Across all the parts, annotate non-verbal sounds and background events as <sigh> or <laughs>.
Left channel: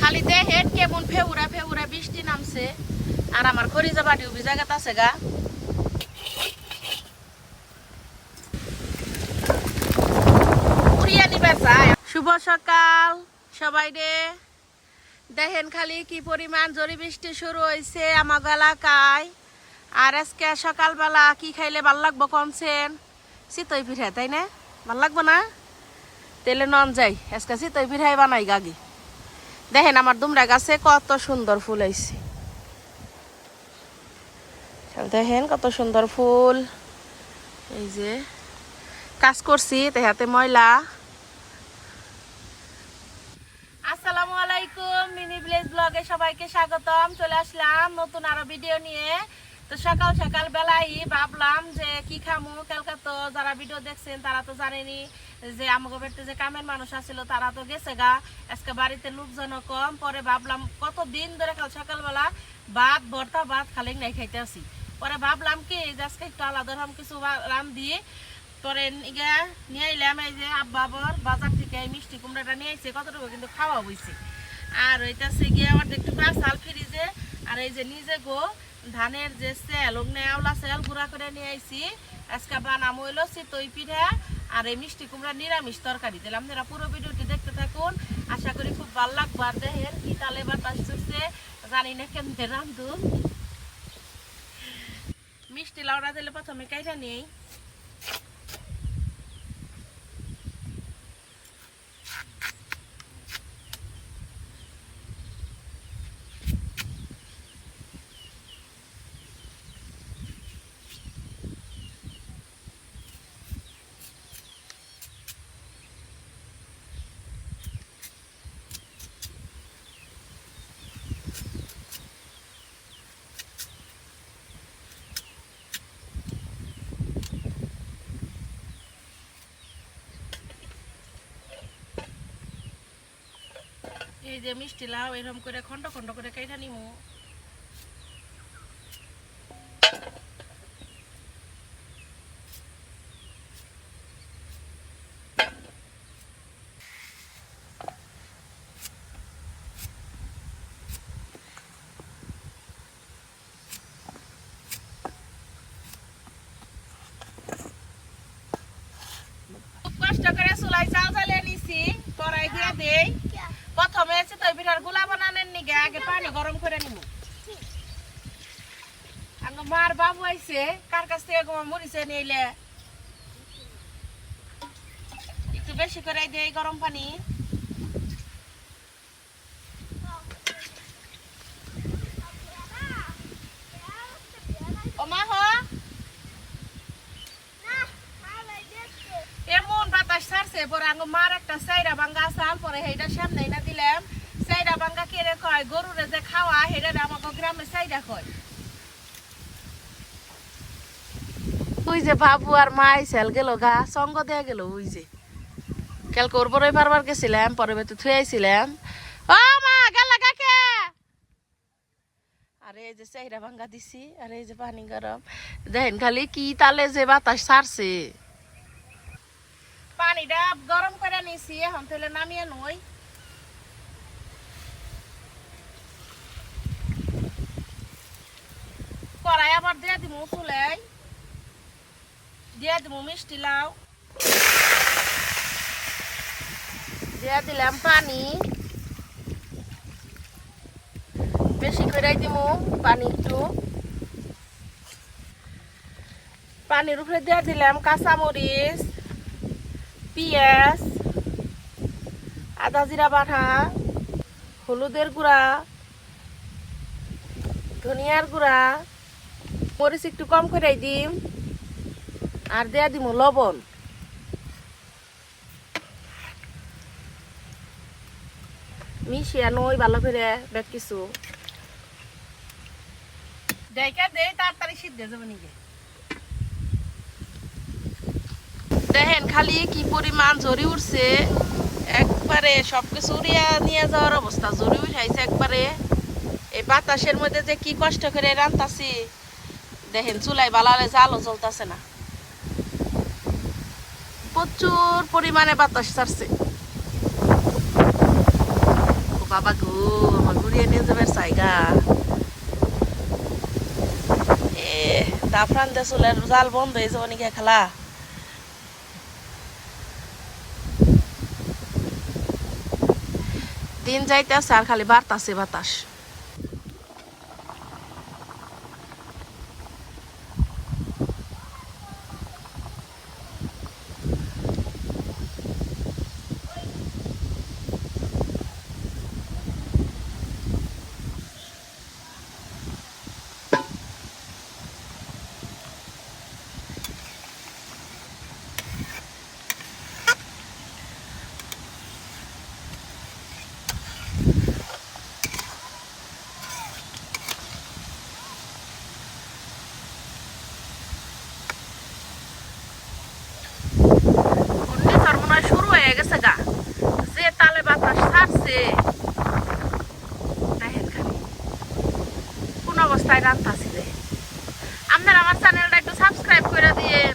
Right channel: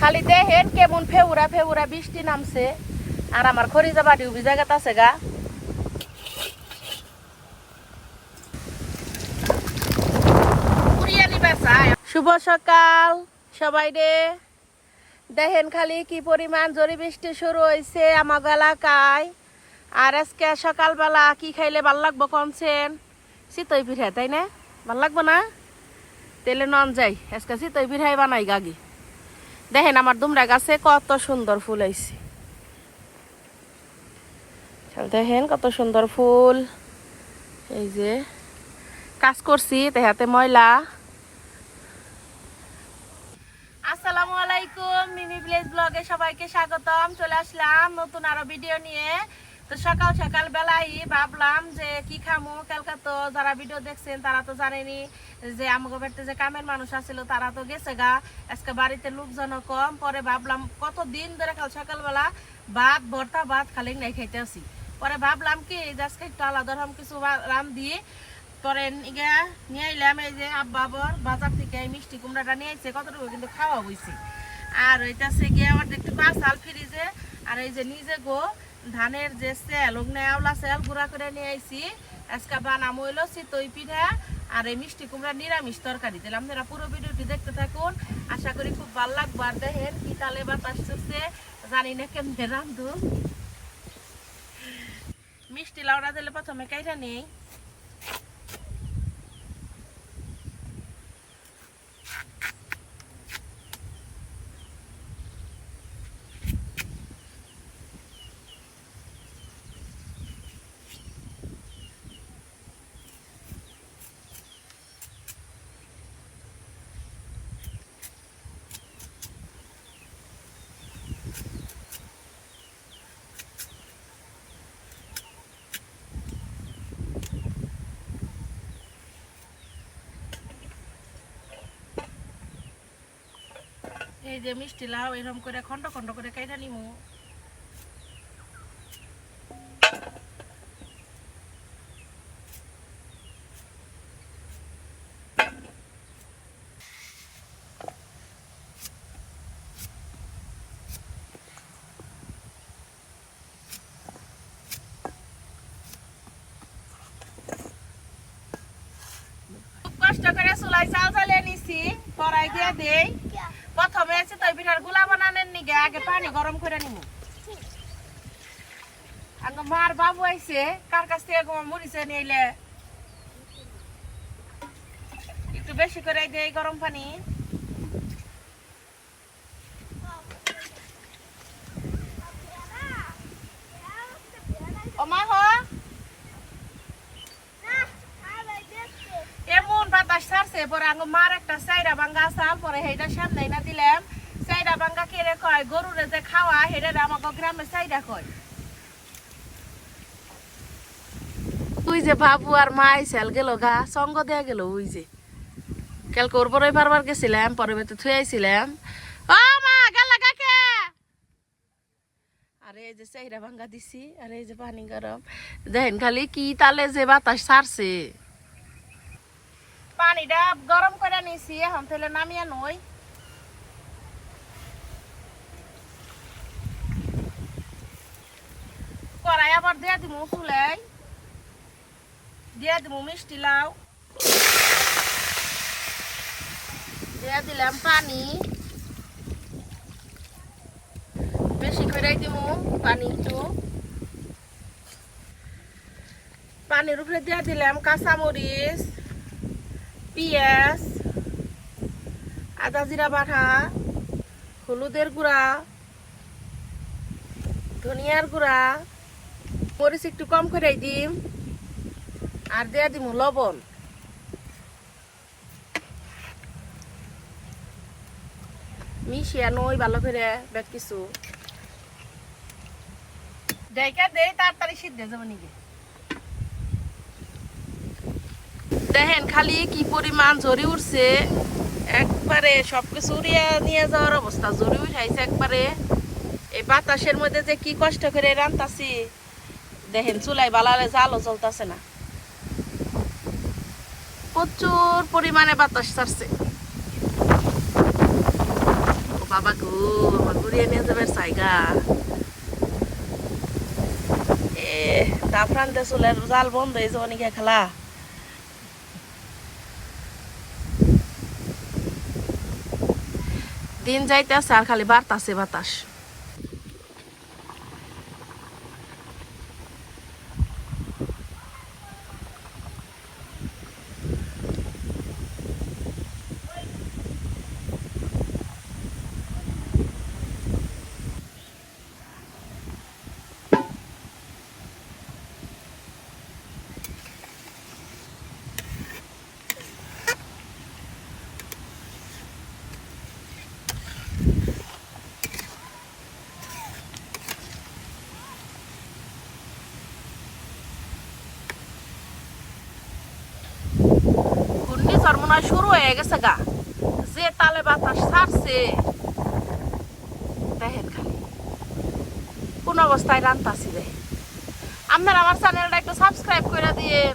খালি দেখেন কেমন ফেউরা ফেউরা বৃষ্টি নামছে, আর আমার খরিজা বাড়ি উবি জায়গাতে আছে গা। শুভ সকাল সবাই রে। দেখেন খালি কি পরিমাণ জরি বৃষ্টি শুরু হয়েছে আমার এলাকায়। আর আজকে সকালবেলা কি খাইলে ভালো লাগবো কমছেন শীতই পিঠা, তাই না? ভালো লাগবো না? তেলে নন যাই, আজকে শীতই পিঠাই বানাই গাগি দেখেন আমার দুমরা গাছে কত সুন্দর ফুল হয়েছে দেখেন কত সুন্দর ফুল। এই যে কাজ করছি তেহাতে ময়লা। আসসালামু আলাইকুম মিমি ভিলেজ ব্লগে সবাইকে স্বাগতম। চলে আসলাম নতুন আরও ভিডিও নিয়ে। তো সকাল সকাল বেলাই ভাবলাম যে কি খামো? কালকে তো যারা ভিডিও দেখছেন, তারা তো জানেনি যে আমাকে যে কামের মানুষ আছিল, তারা তো গেছে গা। আজকে বাড়িতে লোকজন কম। পরে ভাবলাম কত দিন ধরে কাল সকালবেলা ভাত, ভর্তা, ভাত খালি নাই খাইতে আসি পরে ভাবলাম কি আজকে একটু আলাদা রকম কিছু রাম দিয়ে পরে নিয়ে এলাম এই যে আব্বাবর বাজার থেকে মিষ্টি কুমড়াটা নিয়ে এসে কতটুকু কিন্তু খাওয়া হয়েছে আর ওইটা সে গিয়ে আমার একটু সাল ফ্রিজে আর এই যে নিজে গো ধানের যে সেল ওখানে আওলা সেল গুঁড়া করে নিয়ে আইছি। আজকে বানাম হইল চিতই পিঠা আর এই মিষ্টি কুমড়া নিরামিষ তরকারি। দিলাম আপনারা পুরো ভিডিওটি দেখতে থাকুন। আশা করি খুব ভালো লাগবে। আর দেখেন কি তালে বাতাস চলছে। জানি না কেমনে রান্ধু মিষ্টি লাউড়া দিলে প্রথমে কাইটা নেই। এই যে মিষ্টি লাউ এরকম করে খন্ড খন্ড করে কাইটা নিমু। কষ্ট করে চুলাই চাল জ্বালিয়ে নিছি, কড়াই দিয়ে দেই। প্রথমে তো পিঠারগুলা বানানোর নিগে আগে পানি গরম করে নিব আগে মার বাবু আইছে, কার কাছ থেকে গো মরিছে নিলে একটু বেশি করে দেয় গরম পানি ও মা হো এমন ছাড়ছে পরে মার একটা সাইডা ভাঙ্গা চাল পরে সেইটা সামনে না দিলাম। সাইডা ভাঙ্গা কেড়ে কয়, গরুরে যে খাওয়া সেটা আমাকে গ্রামে সাইডা কয়। তুই যে বাবু আর মা আইসাল গেল গা, সঙ্গ দেয়া গেল ওই যে। কাল করবরই পারবার গেছিলাম, পরে বেতে থুয়ে আইছিলাম। ও মা, গেল কাকে আরে এই যে চাইরা ভাঙ্গা দিছি, আর এই যে পানি গরম। দেখেন খালি কি তালে যে বাতাস ছাড়ছে। পানিটা গরম করে নিছি, এখন তাহলে নামিয়ে নই। কড়াই আবার দিয়ে দিব চুলাই। দিয়ে দিব মিষ্টি লাউ। দিয়ে দিলাম পানি। বেশি করে দিব পানি একটু। পানির উপরে দিয়ে দিলাম কাঁচামরিচ। পেঁয়াজ, আদা জিরা বাটা, হলুদের গুঁড়া, ধনিয়ার গুঁড়া, মরিচ একটু কম করে দিম আর দেয়া দিম লবণ। মিশিয়া নই ভালো করে বেট কিছু দেখা দেই তাড়াতাড়ি সিদ্ধ যাব নিকে? দেখেন খালি কি পরিমাণ জরি উঠছে, একবারে সবকিছু উড়িয়া নিয়ে যাওয়ার অবস্থা। জরি উঠাইছে একবারে। এই বাতাসের মধ্যে যে কি কষ্ট করে রান্তাছি, দেখেন চুলাই বালালে জালও জ্বলতাছে না। প্রচুর পরিমাণে বাতাস ছাড়ছে। বাবা গো, আমার ঘুরিয়ে নিয়ে যাবে জায়গা। এ দাফরানতে চুলের জাল বন্ধ হয়ে যাব নাকি খেলা। দিন যাইতে আছে আর খালি বাতাসে বাতাস ঘূর্ণিঝড় মনে হয় গেছে গা। যে তালে বাতাস ছাড়ছে। দেখেন খালি। কোন অবস্থায় রান্তাছি রে। আপনারা আমার চ্যানেলটা একটু সাবস্ক্রাইব করে দিয়েন।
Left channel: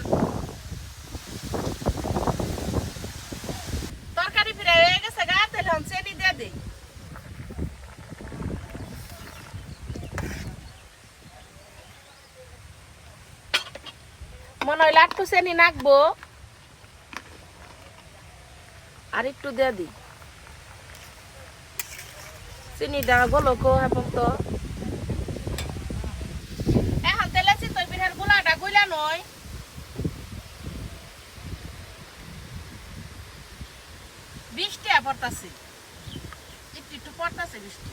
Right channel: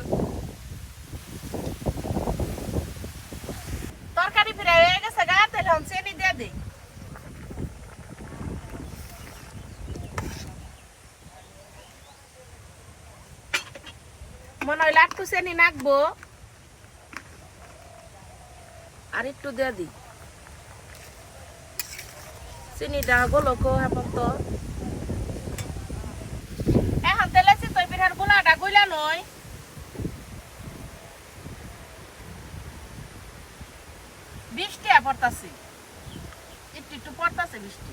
তরকারি ফিরে হয়ে গেছে গা, তাহলে চেনি দিয়ে দিই। মনে হয় একটু চেনি নাকবো। আর একটু দিয়ে দিই চিনিটা গোলকো এখন তো এখন একটু পড়তাছে বৃষ্টি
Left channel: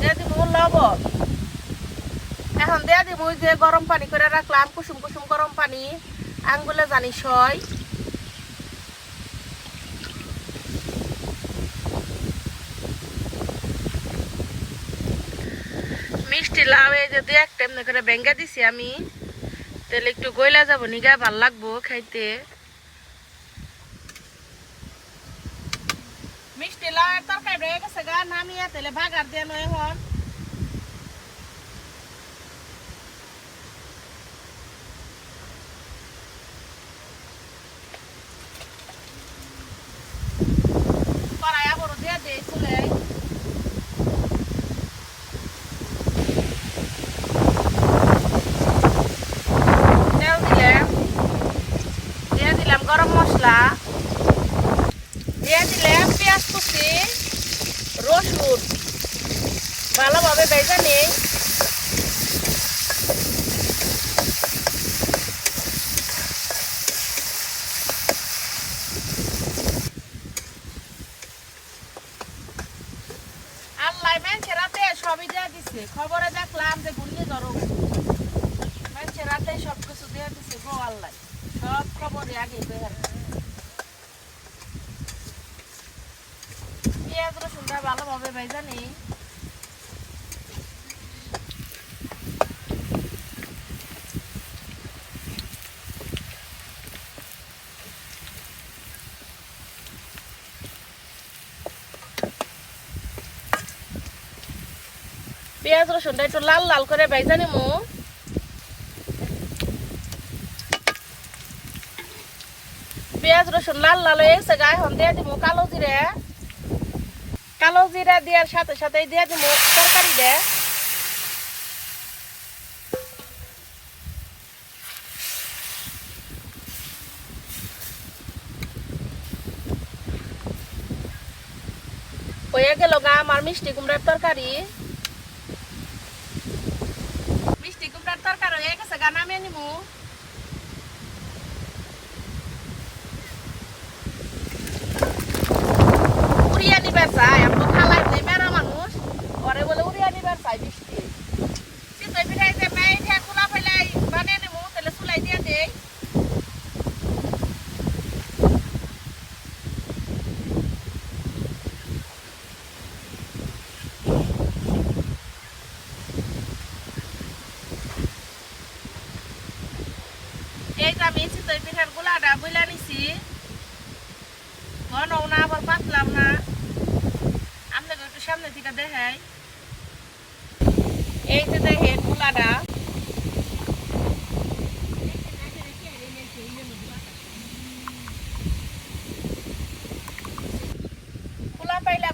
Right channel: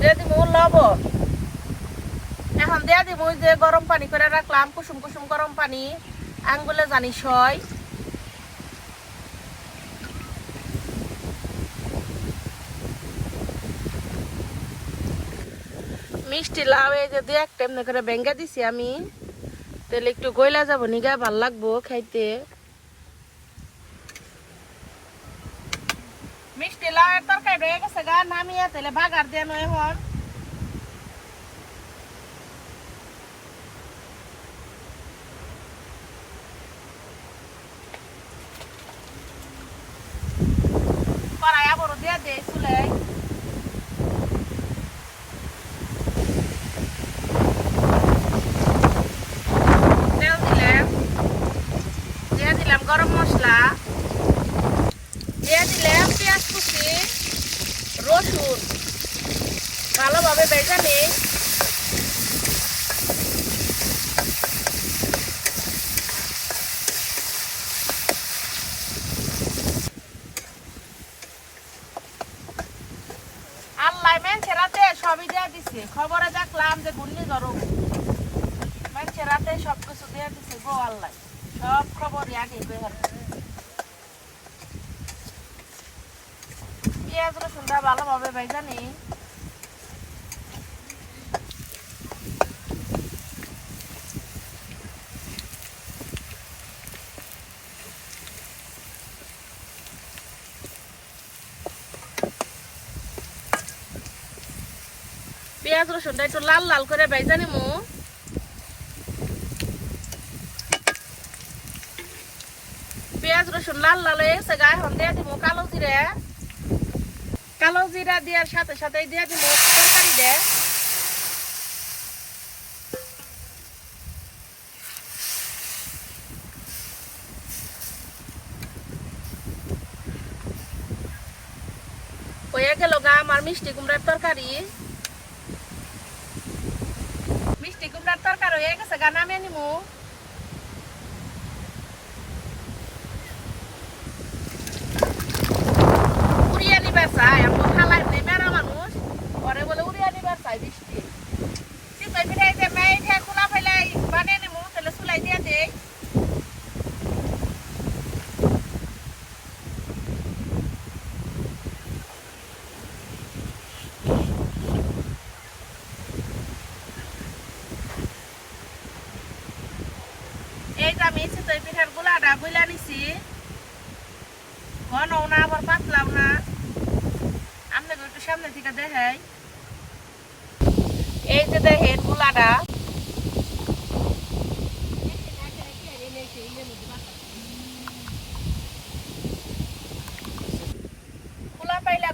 দিয়ে দিব লবণ এখন দিয়ে দিব যে গরম পানি করে রাখলাম কুসুম কুসুম গরম পানি। আঙ্গুলে জানি সয় মিষ্টি লাউ, এই যে দুই একটা এমনি করে ভেঙ্গে দিছি আমি। তাহলে একটু গইলা যাব নিগা ভালো লাগবো খাইতে। মিষ্টি লাউ তরকারি রয়ে গেছে গা, নামিয়ে তাহলে বাগার দিয়ে নয় এখন কড়াই আবারও দিয়ে দেয় চুলে তেল দিলেন দিয়ে দিলাম গরম মশলা দিয়ে দিলাম পেঁয়াজ কুচি রসুন দিছে। খবরে দেখলাম যে ঘূর্ণি গরম। মেনছে রাতে সব কিছু দিয়ে দিছে গো আল্লাহ। সব খবরই আগে বের পেঁয়াজ রসুনটা ভালোভাবে ভেজা নেই। পেঁয়াজ রসুনটা একটু লাল লাল করে ভেজা নেব পেঁয়াজ রসুন লাল লাল হয়ে গেছে, গায়ে এখন দিয়ে দিব কালো জিরে। কালো জিরা দেওয়ার সাথে সাথে দিয়ে দিব তরকারি দে। হয়ে গেল গা, আমার মিষ্টি কুমড়ার তরকারি মিষ্টি কুমড়ার তরকারি হয়ে গেছে গা নামিয়ে নিমু উড়িয়ে নিবার চাই আমরা খালাই যে মেরা মানুষ ঘরে বলে উড়িয়ে নিবার চাই বৃষ্টি চিতই পিঠাই যে মেয়ে যে খোলা ফেলাই বানিয়ে নেব তাহলে চুলাই দিয়ে দেই এই মেয়েছি আমি চিতই পিঠার গুলাটা গুলা নিছি। ঘনও না, আবার পাতলাও না। আপনাকে একটু সামনে থেকে দেখাই। এই যে দেখেন গুলাটা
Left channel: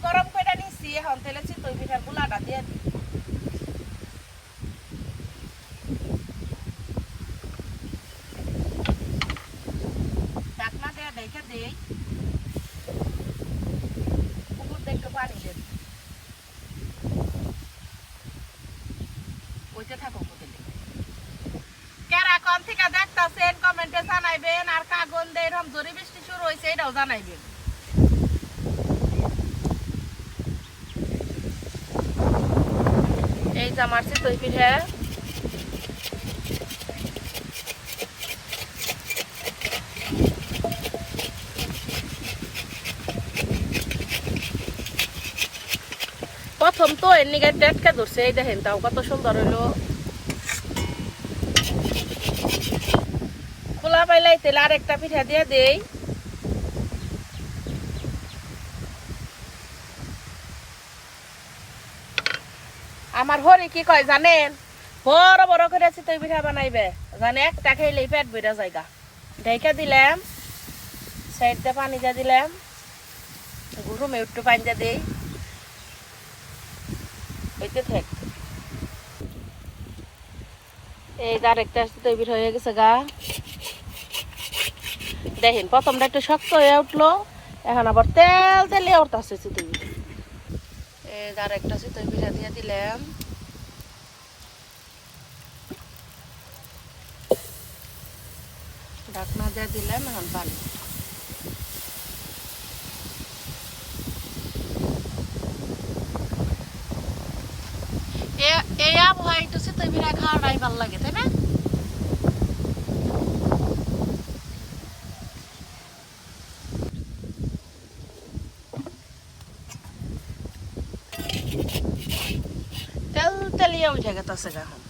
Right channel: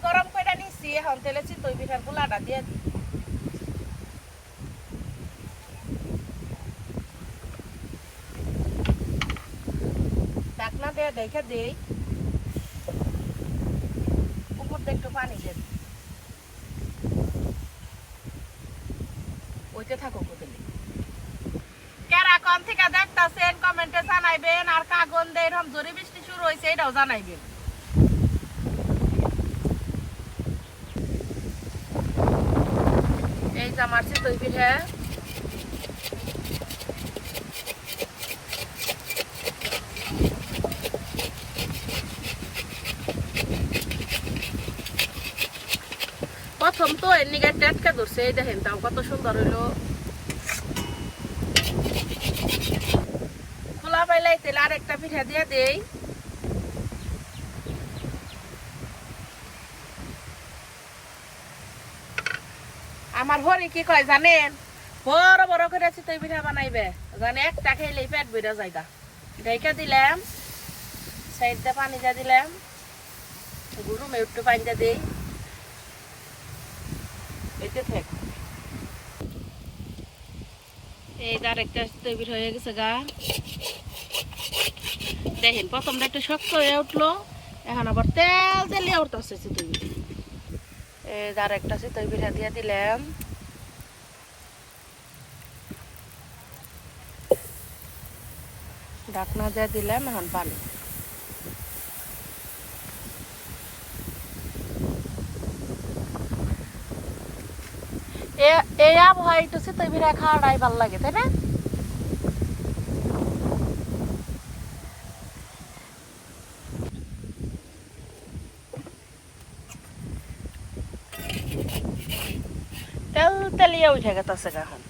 গরম তেলে চিতই পিঠার গুলাটা দিয়ে দিই দেখে দেই। উপর দিয়ে একটু পানি দিই। ওইটা থাকো কোথায় কমেন্টে জানাইবেন, আর কাগন দিয়ে এরকম জোরে বৃষ্টি শুরু হয়েছে, এটাও জানাইবেন। এই যে আমার চিতই পিঠে। প্রথম তো এর নিগে টেটকে ধরছে, এই দেখেন তাও কত সুন্দর হইল। খোলা পাইলাই তেলে আর একটা পিঠা দিয়ে দেই। আমার হরি কি কয় জানেন? বড় বড় করে চিতই পিঠা বানাইবে। জানে একটা খাইলেই পেট বইরা জায়গা ঢেকে দিলাম সাইডটা পানি দিয়ে দিলাম। গরুমে একটু পানি দিয়ে দিই। এই তার একটা তৈরি হয়ে গেছে গা। দেখেন, প্রথমটা একটু শক্ত হয়ে উঠল, এখন আবার তেল তেলে উঠতেছে চিতই এই তার একটা চিতই পিঠা দিয়ে দিলাম। ঢাকনা দিয়ে দিলাম, এখন পানি এ- এই আবহাওয়া একটু চিতই পিঠা খাওয়াটাই ভালো লাগে তাই না? তেল তেলিয়া উঠে গেছে এখন।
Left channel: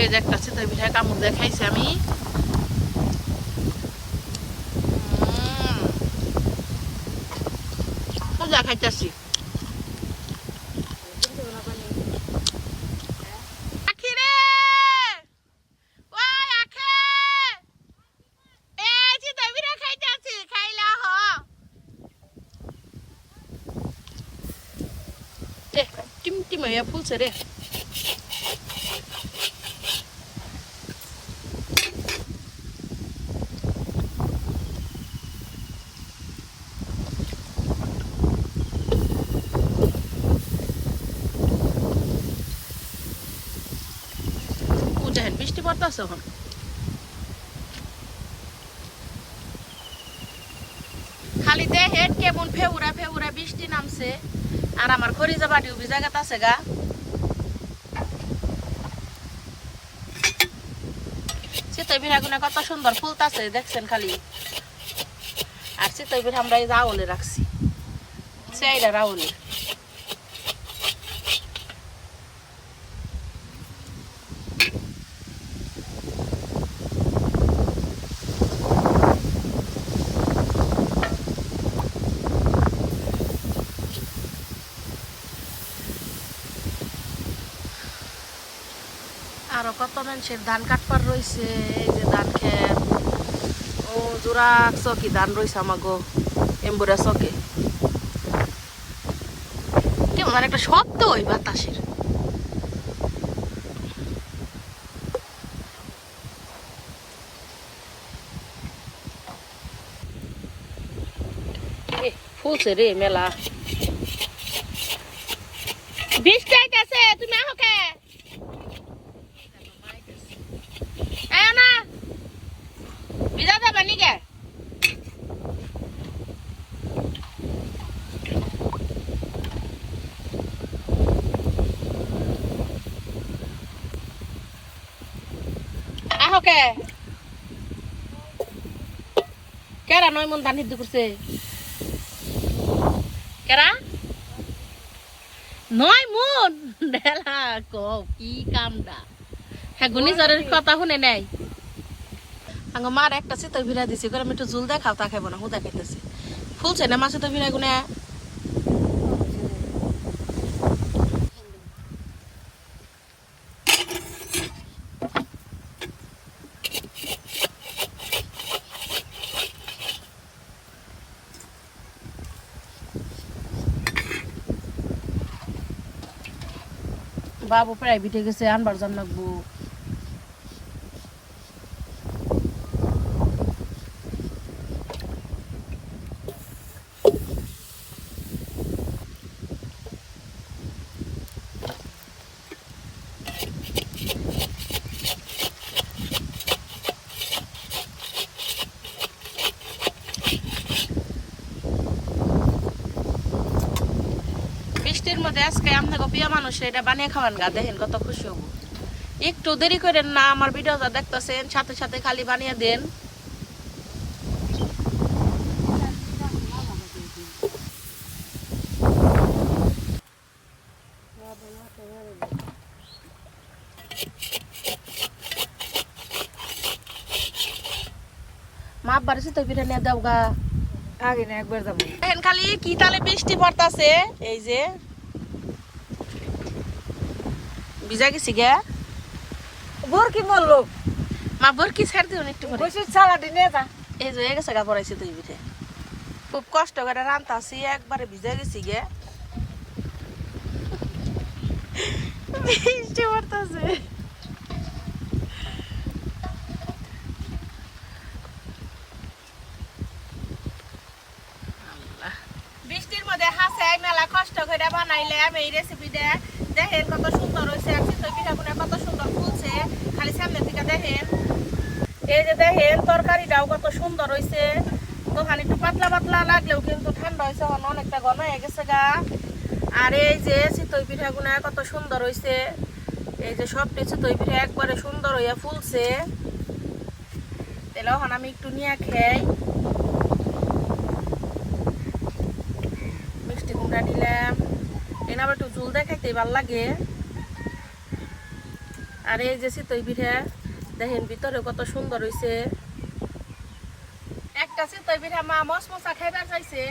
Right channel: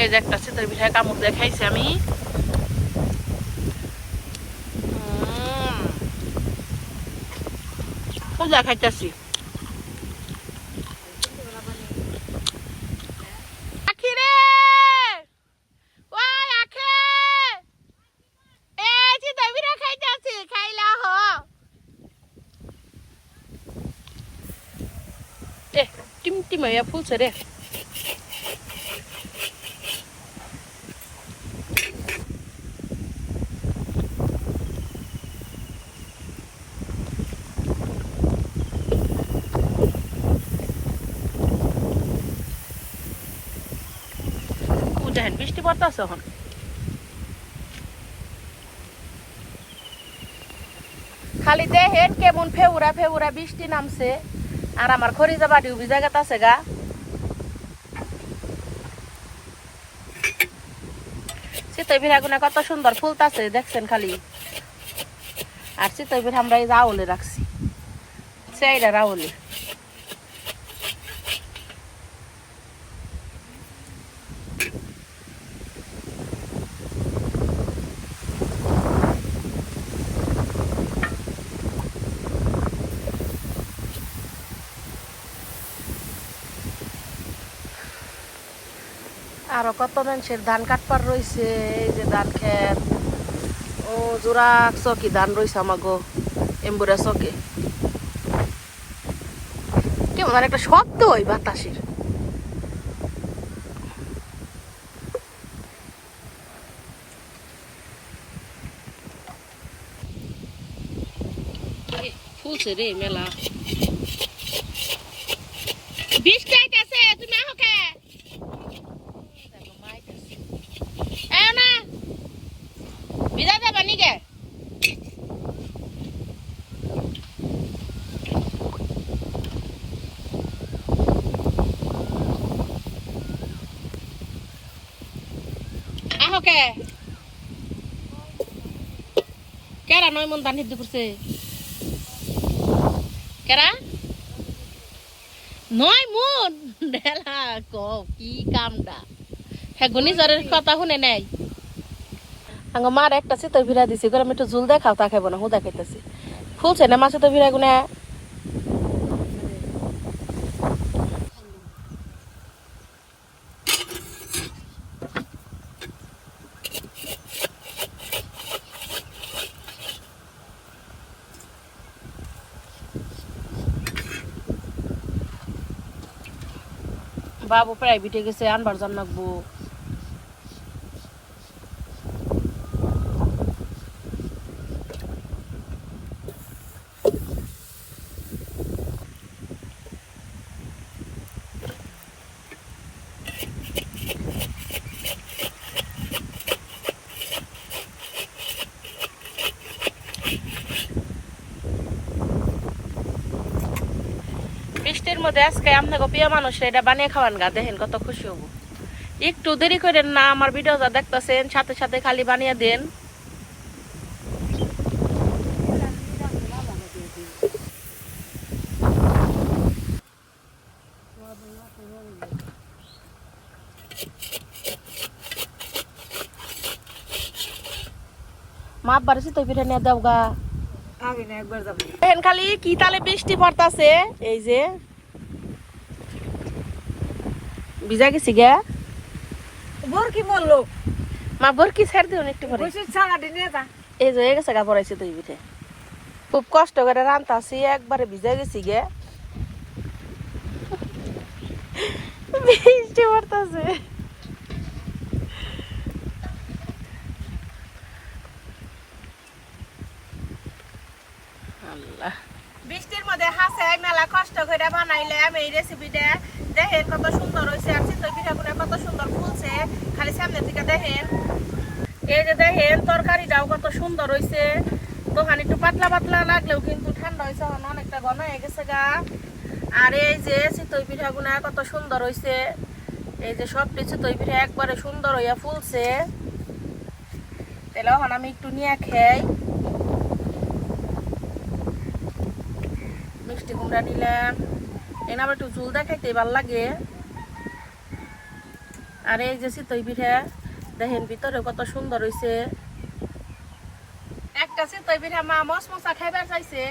এই যে একটা চিতই পিঠা কামড় দিয়ে খাইছি আমি। মজা খাইতেছি আখি রে! ওই আখি! এই চিতই পিঠা খাইতেছি, খাইলা হ। এ, টিমটিমাইয়া ফুলছে রে দেখেন, বৃষ্টি পড়তেছে এখন। খালি দেখেন কেমন ফেউরা ফেউরা বৃষ্টি নামছে। আর আমার খরিজা বাটি ভিজা আছে গা। চিতই পিঠাগুনা কত সুন্দর ফুলতাছে দেখছেন খালি? আর চিতই পিঠা আমরা এই রাউলে রাখছি। সেইটা রাউলে। আরও কত মানুষের ধান কাটবার রয়েছে এই যে ধান খেত। ও, জোড়া চকি ধান রয়েছে আমাগো, এম্বুরা চকে। কেমন একটা শব্দ ওই বাতাসের। ফুলছে রে মেলা বৃষ্টি আইতাছে তুমি আহো কে এও না বিদা যাবা নিকে আহো কে কেরা নয় মন দান হিদ্দি করছে কেরা? নয় মন? ডেলা ক কি কামটা হ্যাঁ গুনি জ্বরের কথা শুনে নাই। আঙ্গ মার একটা চিতই ভিড়া দিছি করে আমি একটু জুল দেখাও, তা খাইব না, হুদা খাইতেছি। ফুলছে না মাছে তো ভিড়া গুনে বাবু প্রাইভেটে গেছে আনবার জন্য লাগবো আজকে আপনাকে প্রিয় মানুষ এটা বানিয়ে খাওয়ান গা দেখেন কত খুশি হব। একটু দেরি করেন না আমার ভিডিওটা দেখতেছেন সাথে সাথে খালি বানিয়ে দেন। মা বাড়ি তো পিঠে নিয়ে দাও আগে একবার যাব। দেখেন খালি কি তালে বৃষ্টি পড়তাছে এই যে। ভিজা গেছি গা। বরকি মরলো মা বরকি ছাড় দিও একটু পরে এই যে গেছে গা পড়াইছে তুই পিঠে। খুব কষ্ট করে রান্তাছি একবারে ভিজা গেছি গে। বৃষ্টি <laughs> পড়তাছে আল্লাহ বৃষ্টির মধ্যে হাসে মেলা কষ্ট করে বানাইলাম এই রেসিপিটা দেখেন কত সুন্দর হয়েছে। আর চিতই পিঠাগুলো কত সুন্দর ফুলছে। খালি সামনে থেকে দেখেন। এই যে দেখেন, তরকারিটাও কত সুন্দর হয়েছে। দোকান একটু পাতলা পাতলা লাগলেও কিন্তু ঠান্ডা হয়েছে অনেকটা ঘন হয়ে গেছে গা। আর এই যে চিতই পিঠাগুনা কত সুন্দর হয়েছে। এই যে সবটি চিতই পিঠা একবারে সুন্দর হইয়া ফুলছে। তাহলে এখন আমি একটু নিয়ে খাই। কুমড়া নিলাম। এনে আবার একটু ঝুল দেখাইতে ভালো লাগে। আর এই যে চিতই পিঠা, দেখেন ভিতরে কত সুন্দর হয়েছে একটা চিতই পিঠা মা মশ মশা খাইবার চাইছে।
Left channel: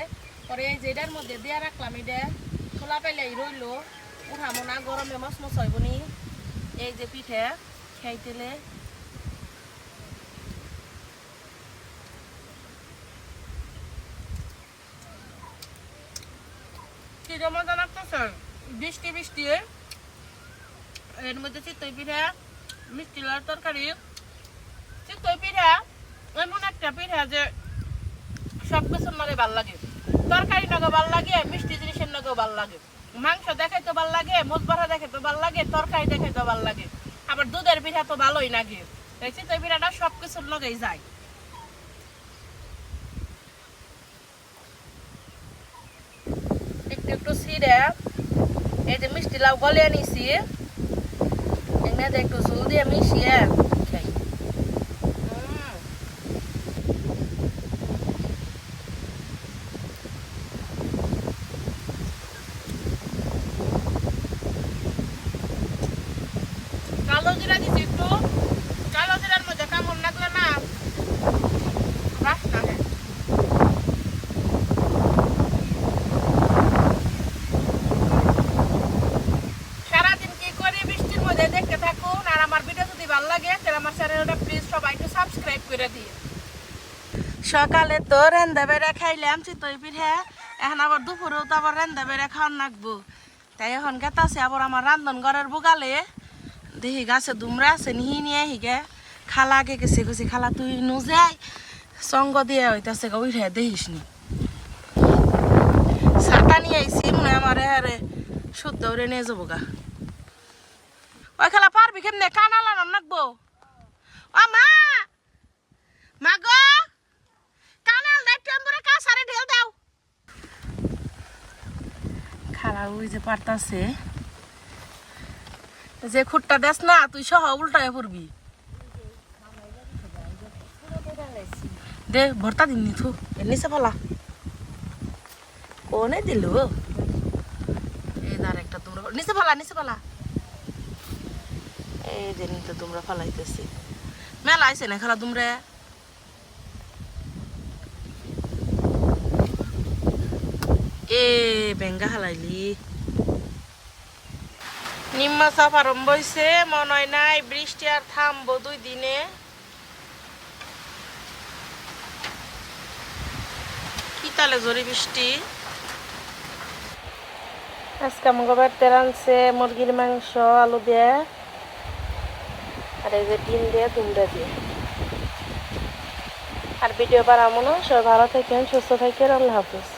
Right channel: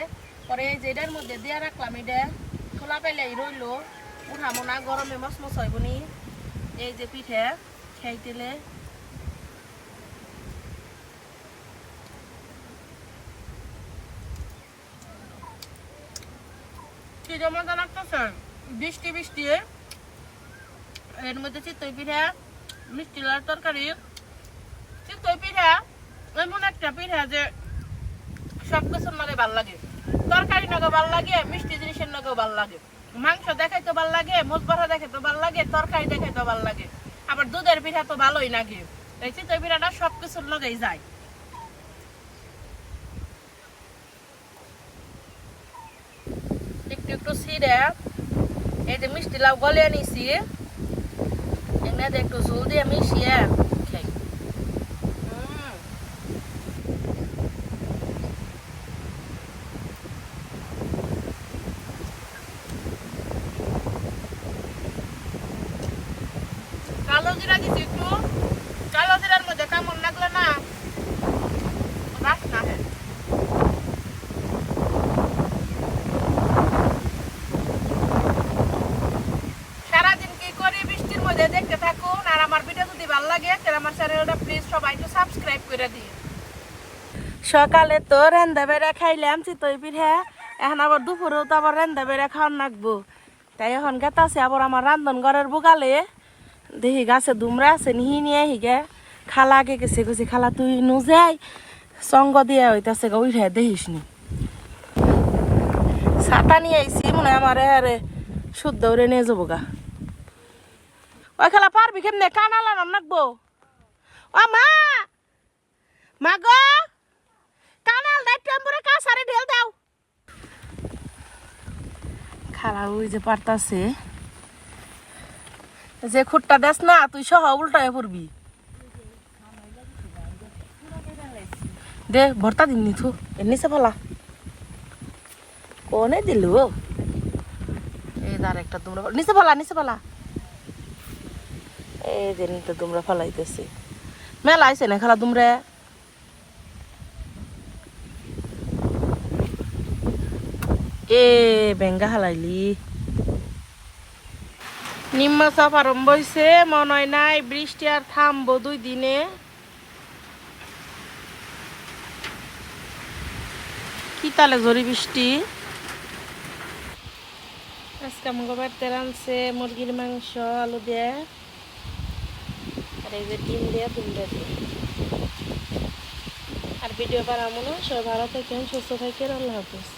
পরে এই যে এটার মধ্যে দিয়া রাখলাম এটা। খোলা পেলেই রইল। উঠামো না, গরমে মশ মশ হইবনি এই যে পিঠা, খাইতেলে। যে মজা লাগতেছে বৃষ্টি বৃষ্টি। এর মধ্যে চিতই পিঠা, মিষ্টি লাল তরকারি। চিতই পিঠা, এমন একটা পিঠা যে সব কিছুর নগে ভালো লাগে। তরকারি নগে ভালো লাগে, মিষ্টি জিনিসের নগেও ভালো লাগে। মাংস দেখাইতে ভালো লাগে মোজ বাড়া দেখাইতে ভালো লাগে, তরকারি দেখাইতে ভালো লাগে। আবার দুধের পিঠা তো ভালোই লাগে। এই চিতই পিঠাটা সব কিছুর লগেই যায় একটু একটু ছিঁড়ে এই যে মিষ্টি লাউ গলে নিছি এমনি একটু ঝুল দিয়ে মিশিয়ে খাই। উম। কালো জিরা দিছি একটু। কালো জিরার মধ্যে কেমন লাগল না। বাসনা হয় সারাদিন কি করি বৃষ্টির মধ্যে দেখতে থাকুন আর আমার ভিডিও যদি ভালো লাগে তাহলে সবাই সাবস্ক্রাইব করে দিয়ে সকালে তো রেন্দা বেড়া খাইলাম, চিতই পিঠা। এখন আবার দুপুরেও তো আবার রেন্দা বেড়া খাওয়ান লাগবো তাই এখন গেতাছে আবার আমার রান্ধন ঘরের বুকালে দেখি গাছে দুমরা আছে, নিহি নিয়ে হিগে খালা আগে গেছে গেছি খালা, তুই নুজাই সঙ্গ দিয়ে হইতাছে গা, উঠে দেখিস নি। ছাতা নিয়ে আইসি মনে হয় আমার হারে শুদ্ধ উড়ে নিয়ে যাব গা। ওই খেলা, পারবি কেমনে? কানা লাগানো নাকবো? ও মা! মা গো কানাল নাই টেম্পরে কাছারে ঢেল দাও? খালা, ওই যে পারতাছে। যে খুঁটটা দেস না, তুই সহ উল্টায় পড়বি। দে, ভর্তা দিননি থু। এর নিচে ফেলা কোনে দিলু? এই দাঁড় তোমরা নিচে ফেলা নিচে ফেলা এই যে নিতে তোমরা ফেলাইতেছে। মেলা আইসে না খেলা তোমরা এ, বেঙ্গা হালাইলি। নিম্মা চাপ আরম্ভ হয়েছে মনে হয় নাই, বৃষ্টি আর থামবো দুই দিনে। কি তালে জরি বৃষ্টি? আজকে মুগবের তেল মুরগির মাংস, আলু দিয়ে। আর এই যে ডিম দিয়ে দুমটা দিয়ে। আর ভিডিও বানাবো না। সবাই ভালো থাকেন, সুস্থ থাকেন। আল্লাহ হাফিজ।